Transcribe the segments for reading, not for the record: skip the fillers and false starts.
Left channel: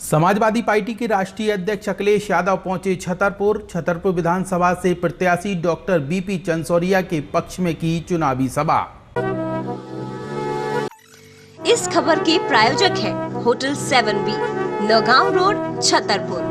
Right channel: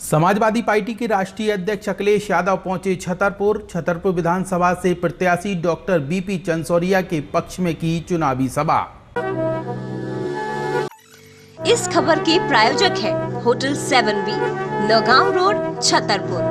Samajwadi party के राष्ट्रीय अध्यक्ष अखिलेश यादव पहुंचे छतरपुर विधानसभा से प्रत्याशी डॉक्टर बीपी चंसोरिया के पक्ष में की चुनावी सभा। इस खबर के प्रायोजक है hotel 7B, Naugaon road, Chhatarpur.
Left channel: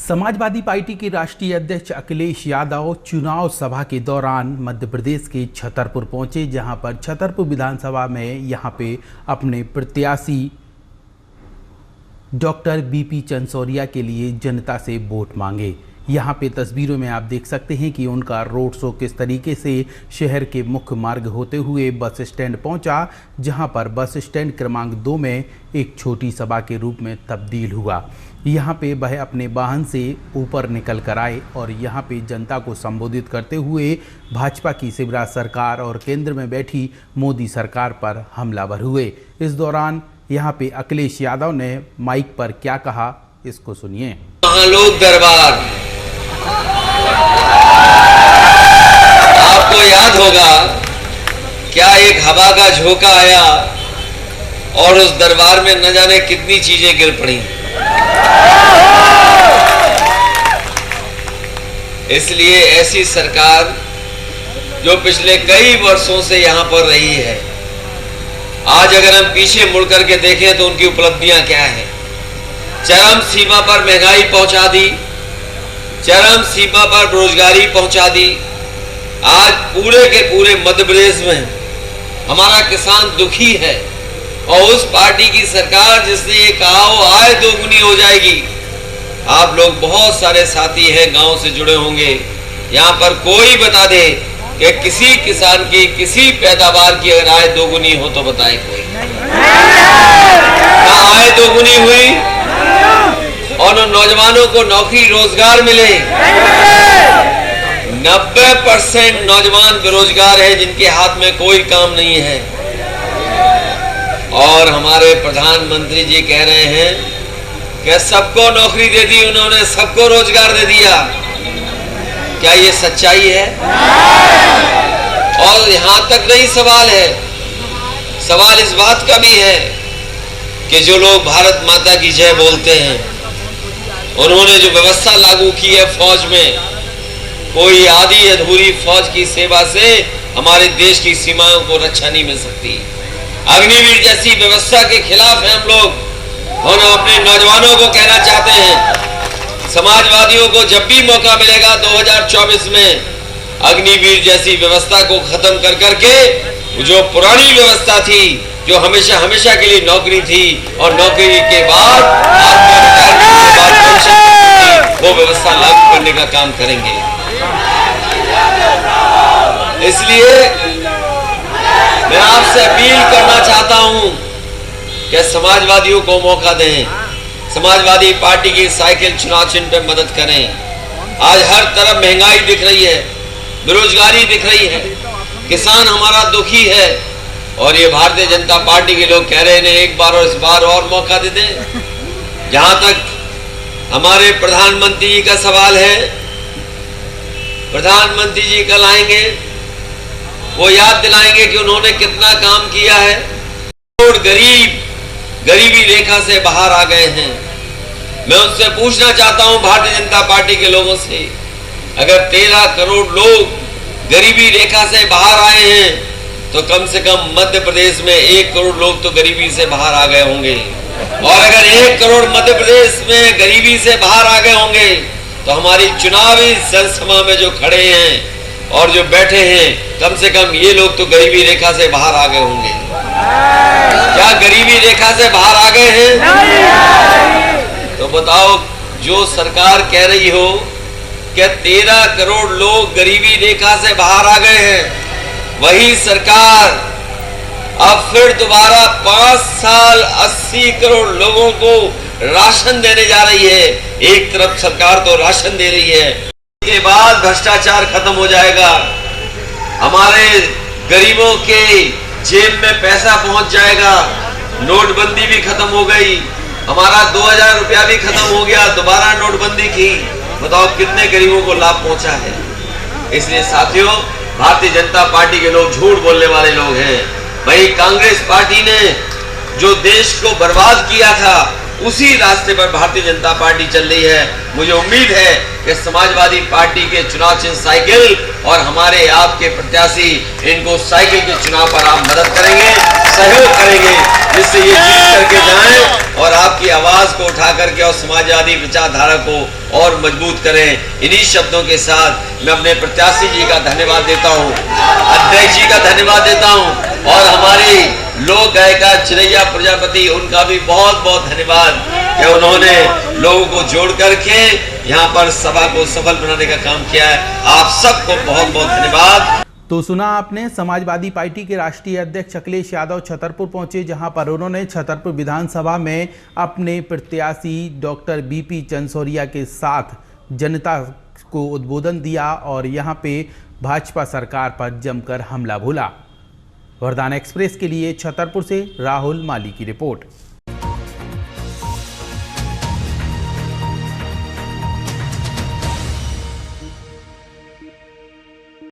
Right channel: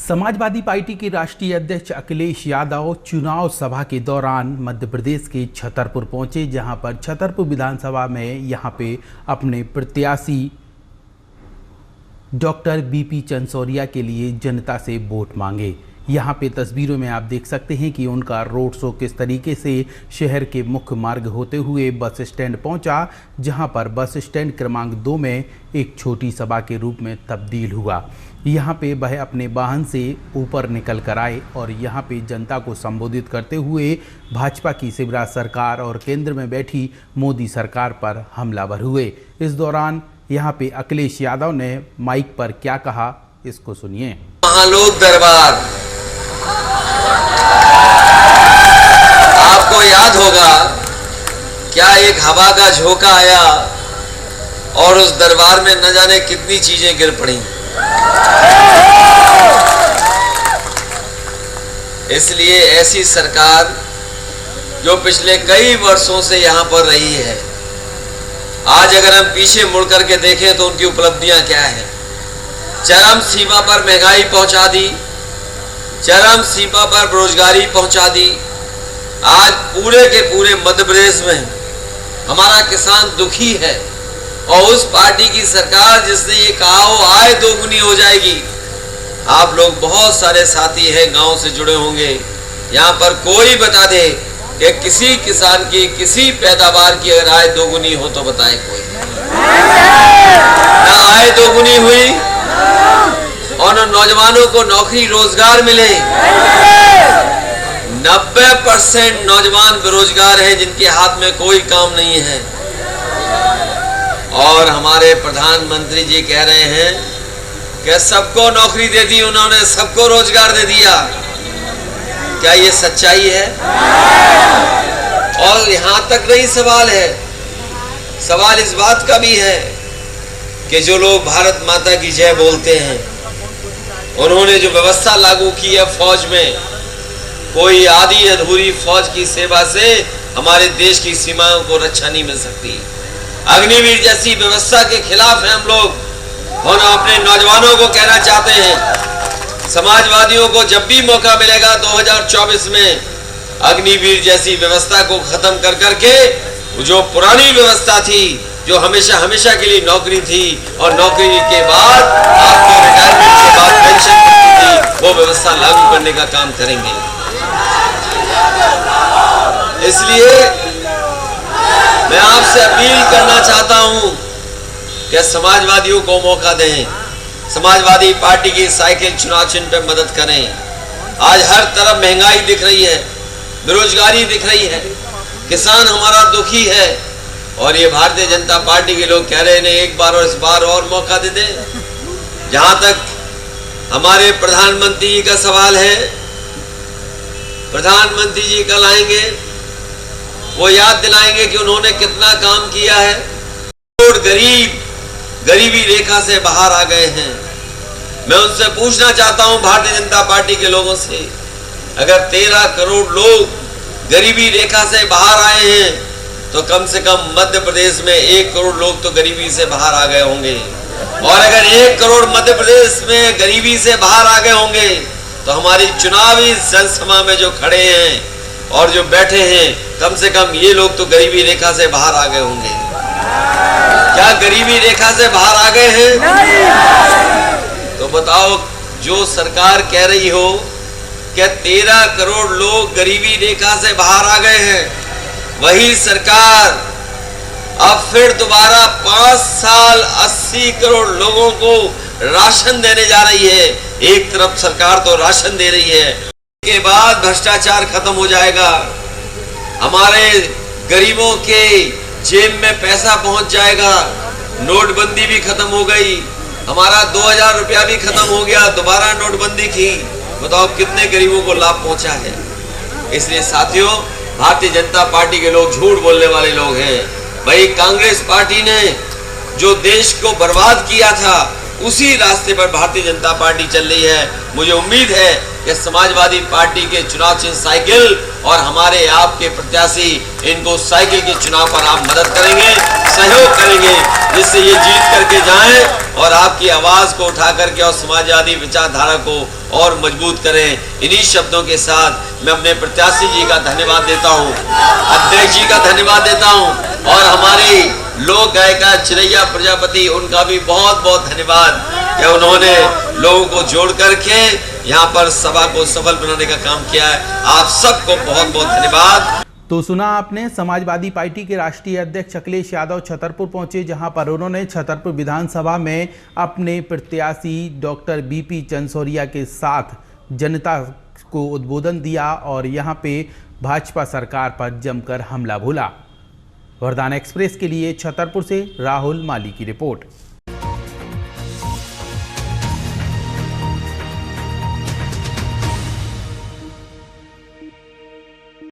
Samajwadi party के राष्ट्रीय अध्यक्ष अखिलेश यादव चुनाव सभा के दौरान मध्य प्रदेश के छतरपुर पहुंचे, जहां पर छतरपुर विधानसभा में यहां पे अपने प्रत्याशी डॉक्टर बीपी चंसोरिया के लिए जनता से वोट मांगे। यहाँ पे तस्वीरों में आप देख सकते हैं कि उनका रोड शो किस तरीके से शहर के मुख्य मार्ग होते हुए बस स्टैंड पहुंचा, जहां पर बस स्टैंड क्रमांक 2 में एक छोटी सभा के रूप में तब्दील हुआ। यहाँ पे वह अपने वाहन से ऊपर निकल कर आए और यहाँ पे जनता को संबोधित करते हुए भाजपा की शिवराज सरकार और केंद्र में बैठी मोदी सरकार पर हमलावर हुए। इस दौरान यहाँ पे अखिलेश यादव ने माइक पर क्या कहा, इसको सुनिए। महालोक दरबार, आपको याद होगा क्या एक हवा का झोंका आया और उस दरबार में न जाने कितनी चीजें गिर पड़ी। इसलिए ऐसी सरकार जो पिछले कई वर्षों से यहां पर रही है, आज अगर हम पीछे मुड़ करके देखें तो उनकी उपलब्धियां क्या हैं। चरम सीमा पर महंगाई पहुंचा दी, चरम सीमा पर बेरोजगारी पहुंचा दी। आज पूरे के पूरे मध्य प्रदेश में हमारा किसान दुखी है और उस पार्टी की सरकार जिसने ये कहा हो आय दोगुनी हो जाएगी। आप लोग बहुत सारे साथी हैं, गांव से जुड़े होंगे, यहाँ पर कोई बता दे कि किसी किसान की किसी पैदावार की अगर आय दोगुनी हो तो बताए कोई। ना आय दोगुनी हुई और नौजवानों को नौकरी रोजगार मिले। 90% नौजवान बेरोजगार है जिनके हाथ में कोई काम नहीं है। और हमारे प्रधानमंत्री जी कह रहे हैं कि सबको नौकरी दे दी उन्होंने, सबको रोजगार दे दिया। क्या ये सच्चाई है? और यहां तक नहीं सवाल है, सवाल इस बात का भी है कि जो लोग भारत माता की जय बोलते हैं, उन्होंने जो व्यवस्था लागू की है फौज में, कोई आधी अधूरी फौज की सेवा से हमारे देश की सीमाओं को रक्षा नहीं मिल सकती। अग्निवीर जैसी व्यवस्था के खिलाफ हैं हम लोग और अपने नौजवानों को कहना चाहते हैं, समाजवादियों को जब भी मौका मिलेगा 2024 में अग्निवीर जैसी व्यवस्था को खत्म कर करके जो पुरानी व्यवस्था थी, जो हमेशा हमेशा के लिए नौकरी थी और नौकरी के बाद आपको रिटायरमेंट के बाद पेंशन थी, वो व्यवस्था लागू करने का काम करेंगे। इसलिए मैं आपसे अपील करना चाहता हूं कि समाजवादियों को मौका दें, समाजवादी पार्टी की साइकिल चुनाव चिन्ह पे मदद करें। आज हर तरफ महंगाई दिख रही है, बेरोजगारी दिख रही है, किसान हमारा दुखी है और ये भारतीय जनता पार्टी के लोग कह रहे हैं एक बार और इस बार और मौका दे दें। जहां तक हमारे प्रधानमंत्री जी का सवाल है, प्रधानमंत्री जी कल आएंगे, वो याद दिलाएंगे कि उन्होंने कितना काम किया है। करोड़ गरीब गरीबी रेखा से बाहर आ गए हैं। मैं उनसे पूछना चाहता हूं भारतीय जनता पार्टी के लोगों से, अगर 13 करोड़ लोग गरीबी रेखा से बाहर आए हैं तो कम से कम मध्य प्रदेश में 1 करोड़ लोग तो गरीबी से बाहर आ गए होंगे। और अगर 1 करोड़ मध्य प्रदेश में गरीबी से बाहर आ गए होंगे तो हमारी चुनावी जनसभा में जो खड़े हैं और जो बैठे हैं, कम से कम ये लोग तो गरीबी रेखा से बाहर आ गए होंगे। क्या गरीबी रेखा से बाहर आ गए हैं? तो बताओ, जो सरकार कह रही हो कि 13 करोड़ लोग गरीबी रेखा से बाहर आ गए हैं, वही सरकार अब फिर दोबारा 5 साल 80 करोड़ लोगों को राशन देने जा रही है। एक तरफ सरकार तो राशन दे रही है, के बाद भ्रष्टाचार खत्म हो जाएगा, हमारे गरीबों के जेब में पैसा पहुंच जाएगा, नोटबंदी भी खत्म हो गई, हमारा 2000 रुपया भी खत्म हो गया, दोबारा नोटबंदी की। बताओ कितने गरीबों को लाभ पहुंचा है। इसलिए साथियों, भारतीय जनता पार्टी के लोग झूठ बोलने वाले लोग हैं। भाई कांग्रेस पार्टी ने जो देश को बर्बाद किया था, उसी रास्ते पर भारतीय जनता पार्टी चल रही है। मुझे उम्मीद है कि समाजवादी पार्टी के चुनाव चिन्ह साइकिल और हमारे आपके प्रत्याशी इनको साइकिल के चुनाव पर आप मदद करेंगे, सहयोग करेंगे, जिससे ये जीत करके जाएं और आपकी आवाज को उठा करके और समाजवादी विचारधारा को और मजबूत करें। इन्हीं शब्दों के साथ मैं अपने प्रत्याशी जी का धन्यवाद देता हूँ, अध्यक्ष जी का धन्यवाद देता हूँ और हमारी लोक गायिका चिरैया प्रजापति, उनका भी बहुत बहुत धन्यवाद कि उन्होंने लोगों को जोड़ करके यहाँ पर सभा को सफल बनाने का काम किया है। आप सबको बहुत बहुत धन्यवाद। तो सुना आपने, समाजवादी पार्टी के राष्ट्रीय अध्यक्ष अखिलेश यादव छतरपुर पहुंचे, जहां पर उन्होंने छतरपुर विधानसभा में अपने प्रत्याशी डॉक्टर बीपी चंदसौरिया के साथ जनता को उद्बोधन दिया और यहां पे भाजपा सरकार पर जमकर हमला बोला। वरदान एक्सप्रेस के लिए छतरपुर से राहुल माली की रिपोर्ट।